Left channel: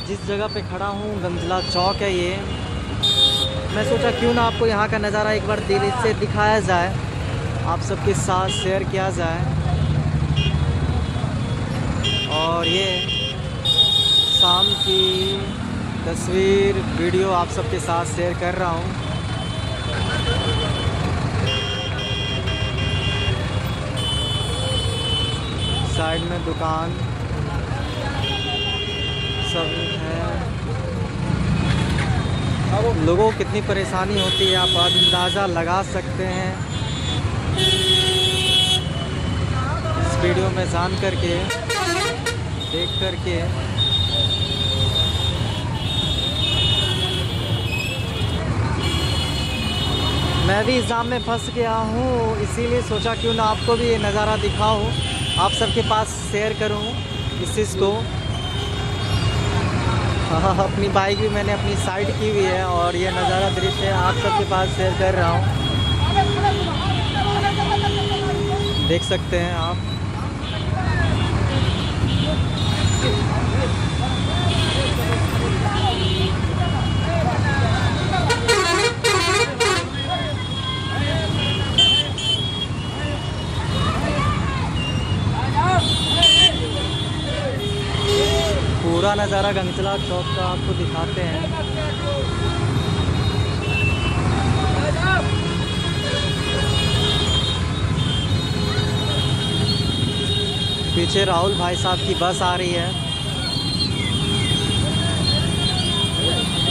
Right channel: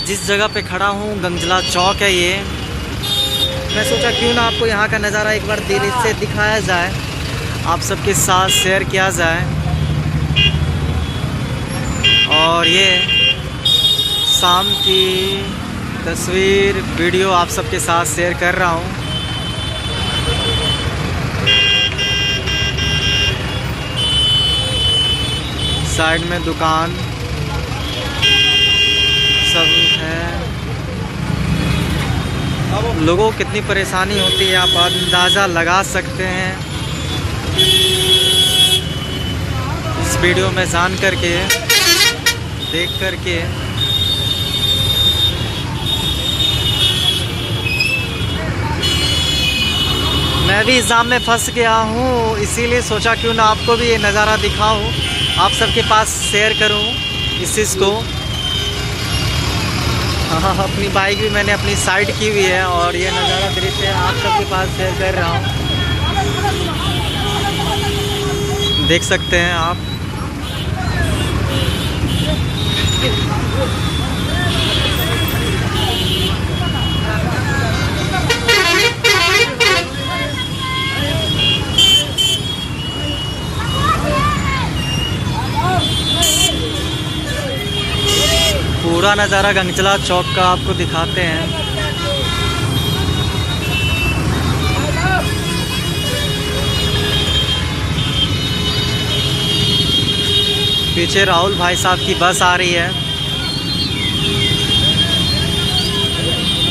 अभी जिस जगह पे खड़ा हूँ गंगजला चौक है ये। मैं सोचा क्यों ना आपको यहाँ का नज़ारा एक बार दिल से दिखाया जाए, आप सबके साथ शेयर किया जाए। और ये शाम की तस्वीर वीडियो आप सबके साथ शेयर कर रहा हूँ। साइड में दुकान सब है। लोगों को कितनी परेशानी होती है आप अंदाज़ा लगा सकते हैं इस वीडियो में जान करके, देख करके। मैं भी एग्ज़ाम में फंस गया हूँ, इसीलिए सोचा क्यों ना आपको भी ये नज़ारा दिखाऊं, आप सबके पास शेयर करूं इस चीज़ को। हाँ, अपनी बाइक भी मैंने अपनी साइड की हुई है और ये नज़ारा दृश्य आप सबके पास शेयर कर रहा हूँ, देख सकते हैं आप। पूरा नज़ारा गंगजला चौक का आपको दिखाते हैं। पीछे राहुल भाई साहब की बस आ रही है,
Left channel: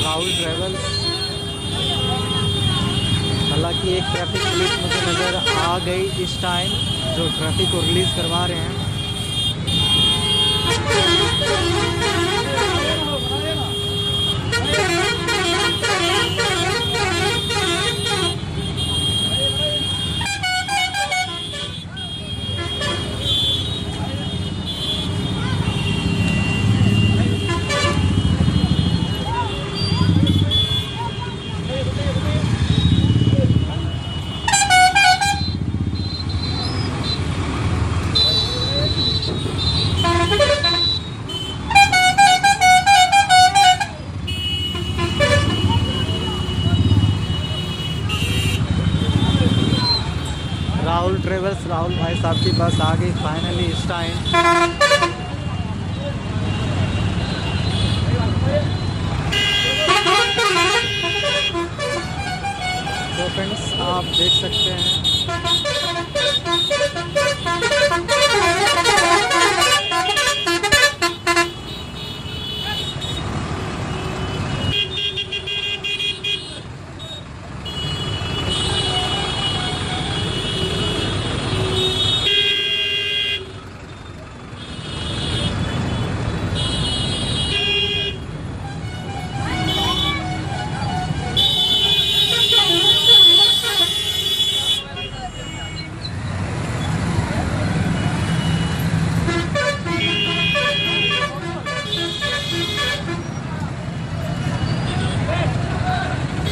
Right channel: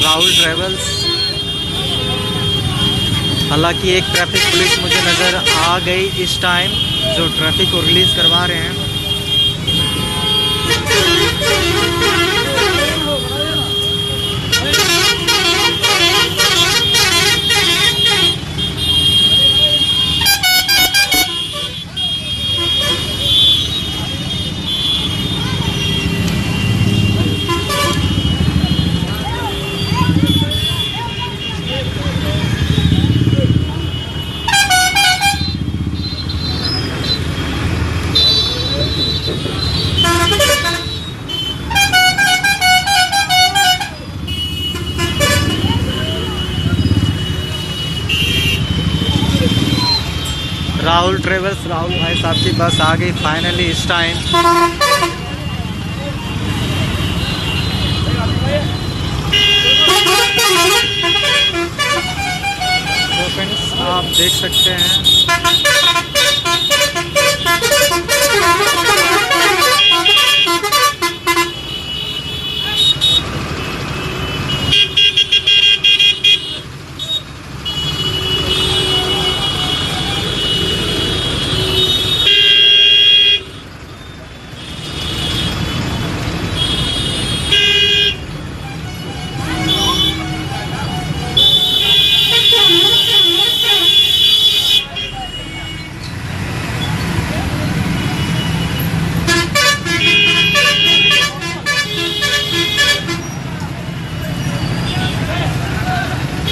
राहुल ट्रेवल्स। हालांकि एक ट्रैफिक पुलिस मुझे नज़र आ गई इस टाइम, जो ट्रैफिक को रिलीज़ करवा रहे हैं। राहुल ट्रेवल्स, राहुल भाई साहब की बस आ गई फाइनली इस टाइम। तो फ्रेंड्स आप देख सकते हैं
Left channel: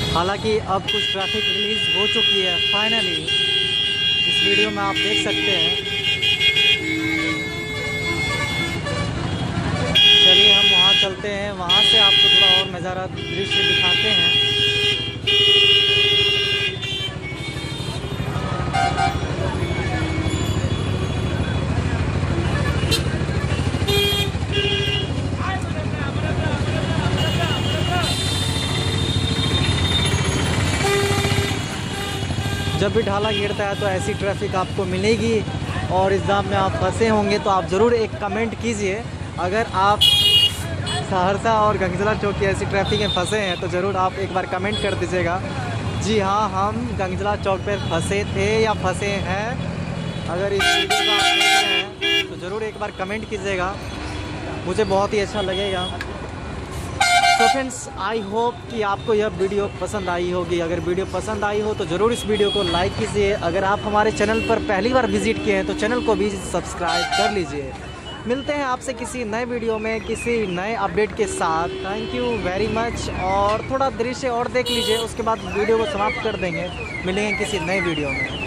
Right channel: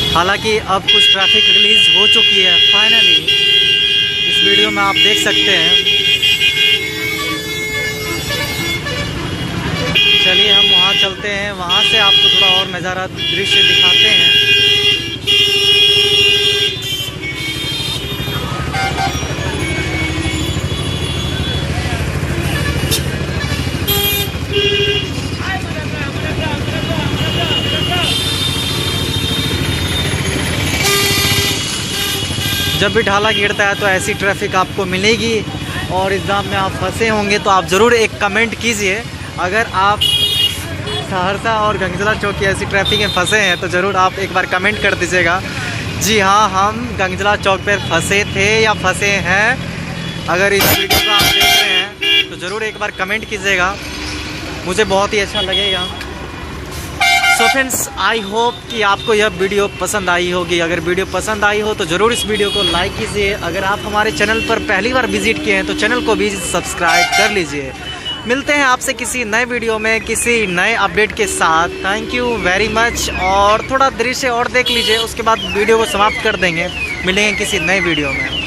हालांकि अब कुछ ट्रैफिक रिलीज़ हो चुकी है फाइनली, इस वीडियो में आप देख सकते हैं। चलिए हम वहाँ चलते हैं, वहाँ से आपको थोड़ा और नज़ारा दृश्य दिखाते हैं। जब भी ढाला गिरता है तो ऐसी ट्रैफिक आपको मिलेगी, और एग्ज़ाम में आप फंसे होंगे तो आप ज़रूर एक कमेंट कीजिए। अगर आप सहरसा और गंगजला चौक की ऐसी ट्रैफिक में फंसे हैं तो ज़रूर आप एक बार कमेंट कर दीजिएगा। जी हाँ, हम गंगजला चौक पर फंसे थे या फंसे हैं। अगर इस वीडियो को आप देख रहे हैं तो ज़रूर एक बार कमेंट कीजिएगा, मुझे बहुत ही अच्छा लगेगा। सो फ्रेंड्स, आई होप कि आपको यह वीडियो पसंद आई होगी। अगर वीडियो पसंद आई हो तो ज़रूर इस वीडियो को लाइक कीजिए। अगर आप हमारे चैनल पर पहली बार विजिट किए हैं तो चैनल को भी सब्सक्राइब कर लीजिए। मिलते हैं आपसे किसी नए वीडियो में किसी नए अपडेट के साथ। Thank you very much. और थोड़ा दृश्य और देख लीजिए, उसके बाद वीडियो को समाप्त कर देंगे। मिलेंगे किसी नए वीडियो में।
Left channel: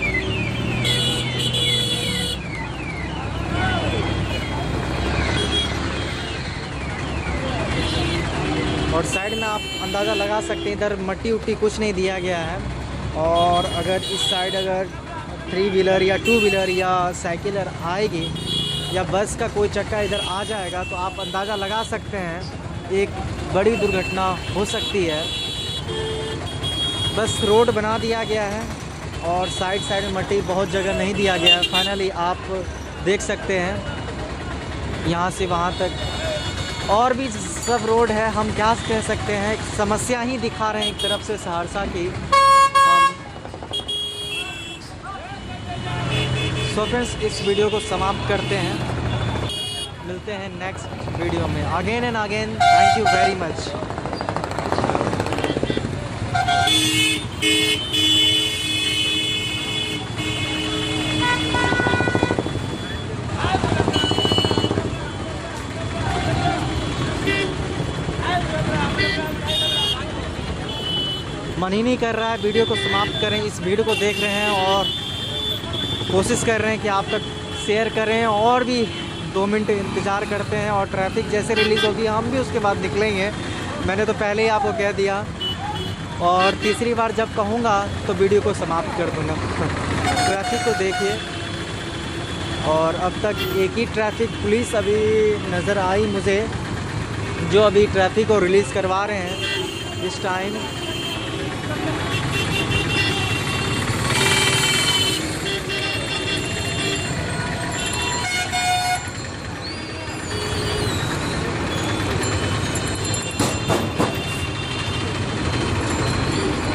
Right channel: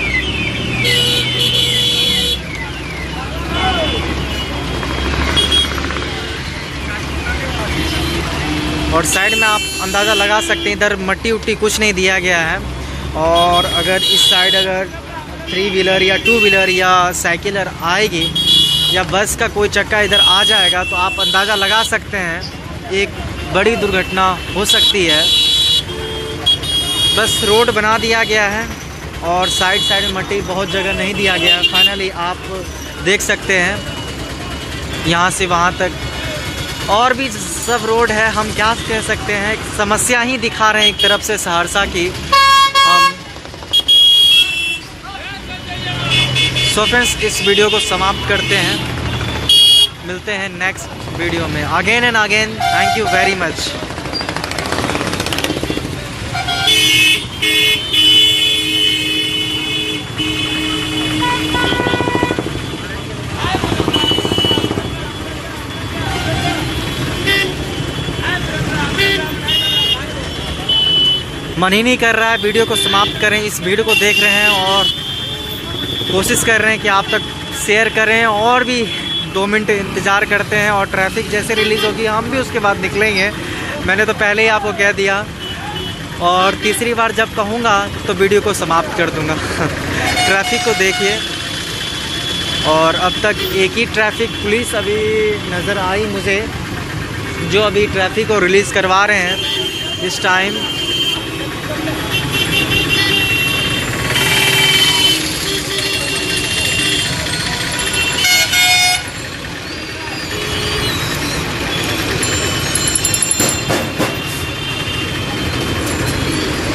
और साइड में आप अंदाज़ा लगा सकते हैं इधर मट्टी उट्टी कुछ नहीं दिया गया है। और अगर इस साइड अगर 3 व्हीलर या 2 व्हीलर या साइकिलर आएगी या बस का कोई चक्का इधर आ जाएगा तो आप अंदाज़ा लगा सकते हैं एक बड़ी दुर्घटना हो सकती है। बस रोड बना दिया गया है और साइड साइड में मट्टी बहुत जगह नहीं दिया गया है। फाइनली आप देख सकते हैं यहाँ से वहाँ तक और भी सब रोड है। हम क्या कह सकते हैं, समस्या ही दिखा रहे हैं एक तरफ से सहरसा की हम। सो फ्रेंड्स, इस वीडियो को समाप्त करते हैं, मिलते हैं नेक्स्ट वीडियो में। Again and again thank you very much. मन ही नहीं कर रहा है वीडियो को समाप्त करें। इस वीडियो को देख रहे हैं और कोशिश कर रहे हैं कि आप तक शेयर करें और भी 2 मिनट इंतज़ार करते हैं और ट्रैफिक जैसे रिलीज़ होगी हम भी उसके बाद निकलेंगे। मैंने तो पहले ही आपको कह दिया और तीसरी बार जब कहूँगा तो वीडियो को समाप्त कर दूँगा। ट्रैफिक को देखिए और अब तक एक ही ट्रैफिक पुलिस अभी नज़र आई मुझे, जो अभी ट्रैफिक को रिलीज़ करवा रहे हैं इस टाइम।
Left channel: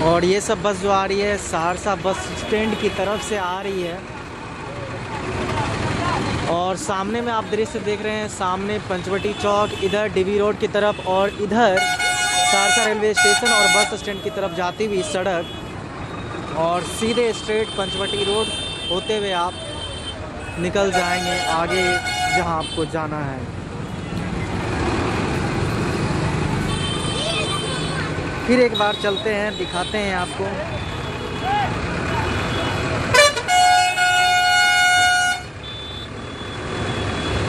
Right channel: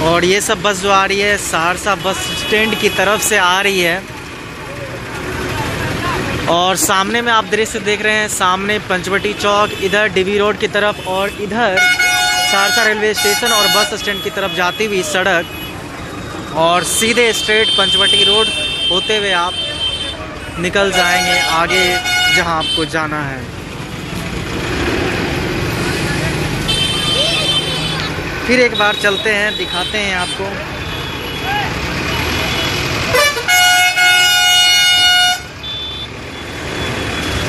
और ये सब बस जो आ रही है सहरसा बस स्टैंड की तरफ से आ रही है। और सामने में आप दृश्य देख रहे हैं, सामने पंचवटी चौक, इधर डीबी रोड की तरफ और इधर सहरसा रेलवे स्टेशन और बस स्टैंड की तरफ जाती हुई सड़क और सीधे स्ट्रेट पंचवटी रोड होते हुए आप निकल जाएंगे आगे जहां आपको जाना है। फिर एक बार चलते हैं, दिखाते हैं आपको।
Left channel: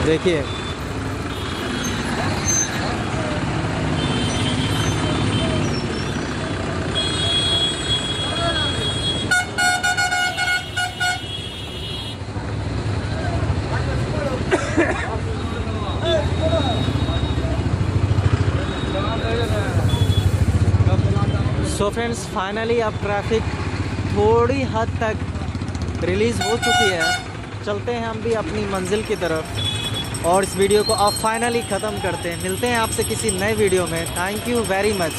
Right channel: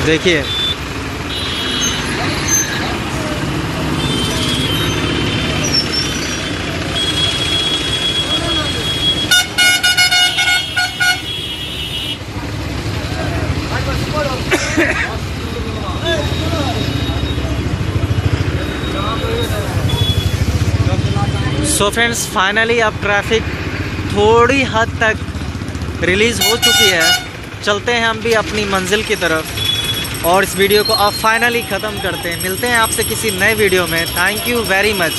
देखिए सो फ्रेंड्स, फाइनली अब ट्रैफिक थोड़ी हद तक रिलीज़ हो चुकी है। चलते हैं हम भी अपनी मंजिल की तरफ और इस वीडियो को अब फाइनली ख़त्म करते हैं। मिलते हैं आपसे किसी नए वीडियो में। Thank you very much.